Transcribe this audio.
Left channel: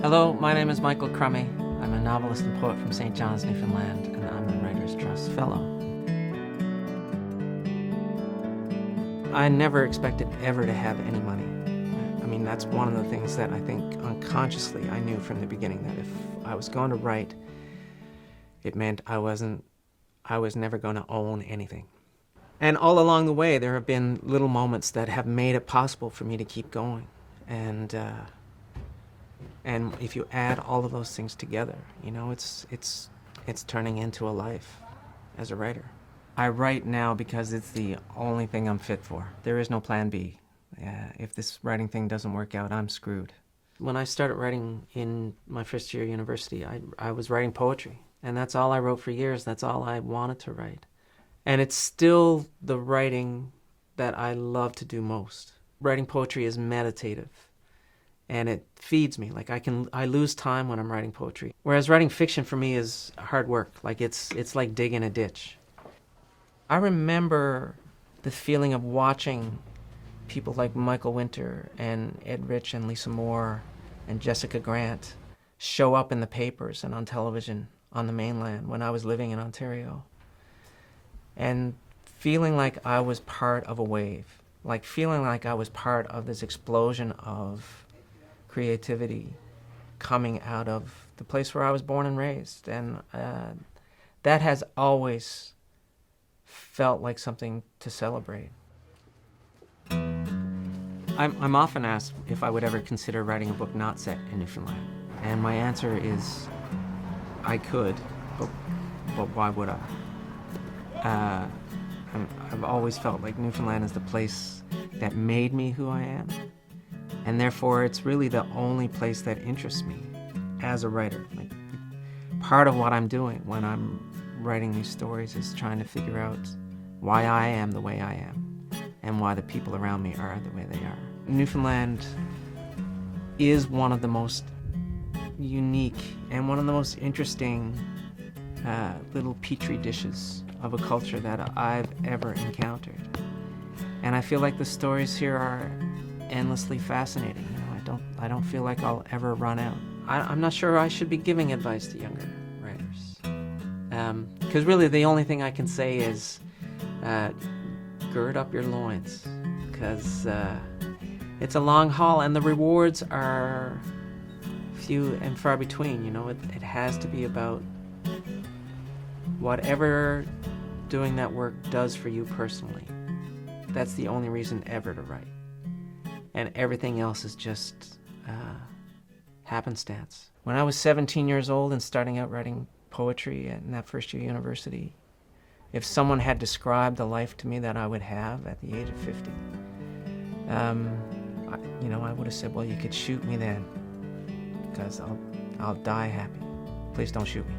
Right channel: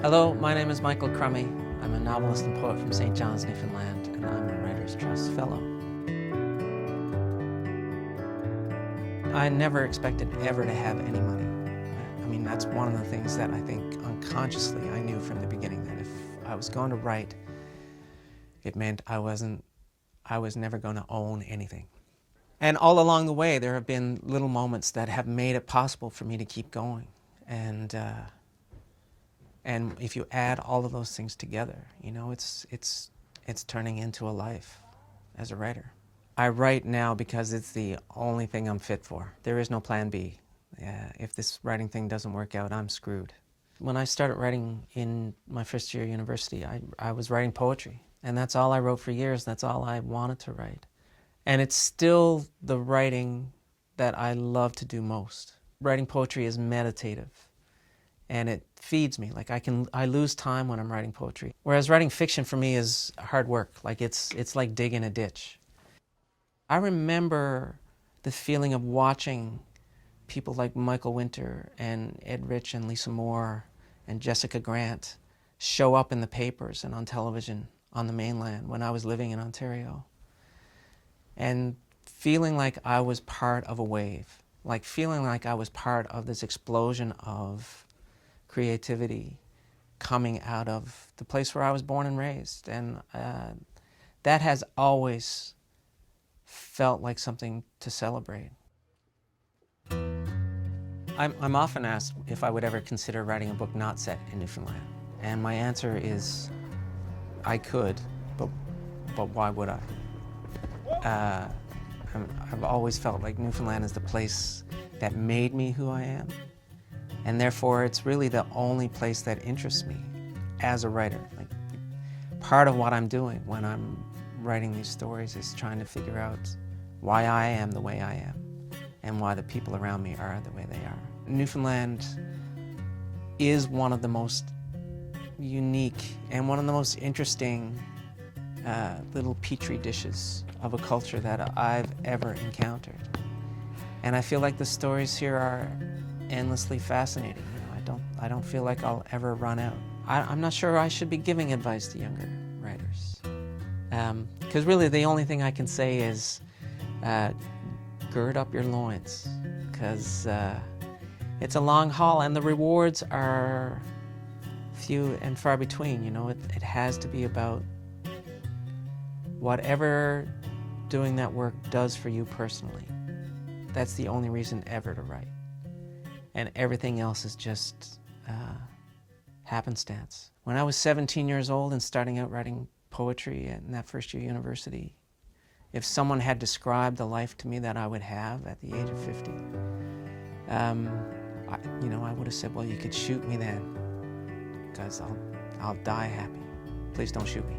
Hello, my name is Michael Crummey. I'm a novelist and poet from St. John's, Newfoundland, and I'm a Writers' Trust Fellow. I never expected ever to have any money. I mean, that's one of the things that I think unconsciously I knew from the beginning, that if I was going to write, it meant I was never going to own anything. And all along the way, there have been little moments that have made it possible for me to keep going. And if you add all of those things together, you know, it's turning into a life as a writer. I write now because it's the only thing I'm fit for. There is no plan B. If this writing thing doesn't work out, I'm screwed. When I started writing in my first year of university, I was writing poetry. And that's all I wrote for years. That's all I wanted to write. And it's still the writing that I love to do most. Writing poetry is meditative. And it feeds me. Like I lose time when I'm writing poetry. Whereas writing fiction for me is hard work. Like it's like digging a ditch. I remember the feeling of watching people like Michael Winter and Ed Rich and Lisa Moore and Jessica Grant show up in the papers and on television on the mainland when I was living in Ontario. And feeling like I was part of a wave. Like feeling like I was part of this explosion of creativity coming out of the place where I was born and raised. And that has always felt like something to celebrate. I'm often asked if I would ever consider writing a book not set in Newfoundland. And my answer is, I could, but why would I? I've always felt like Newfoundland is the place that made me who I am. And therefore, it's really the only place that interests me as a writer. Like, part of what I'm doing when I'm writing these stories is trying to figure out why I am the way I am and why the people around me are the way they are. Newfoundland is one of the most unique and one of the most interesting little petri dishes of a culture that I've ever encountered. And I feel like the stories here are endlessly fascinating. You know, I don't feel like I'll ever run out. I'm not sure I should be giving advice to younger writers. Because really the only thing I can say is gird up your loins. Because it's a long haul and the rewards are few and far between. You know, it has to be about whatever doing that work does for you personally. That's the only reason ever to write. And everything else is just happenstance. When I was 17 years old and starting out writing poetry in that first year of university, if someone had described the life to me that I would have at the age of 50, I would have said, well, you could shoot me then, because I'll die happy. Please don't shoot me.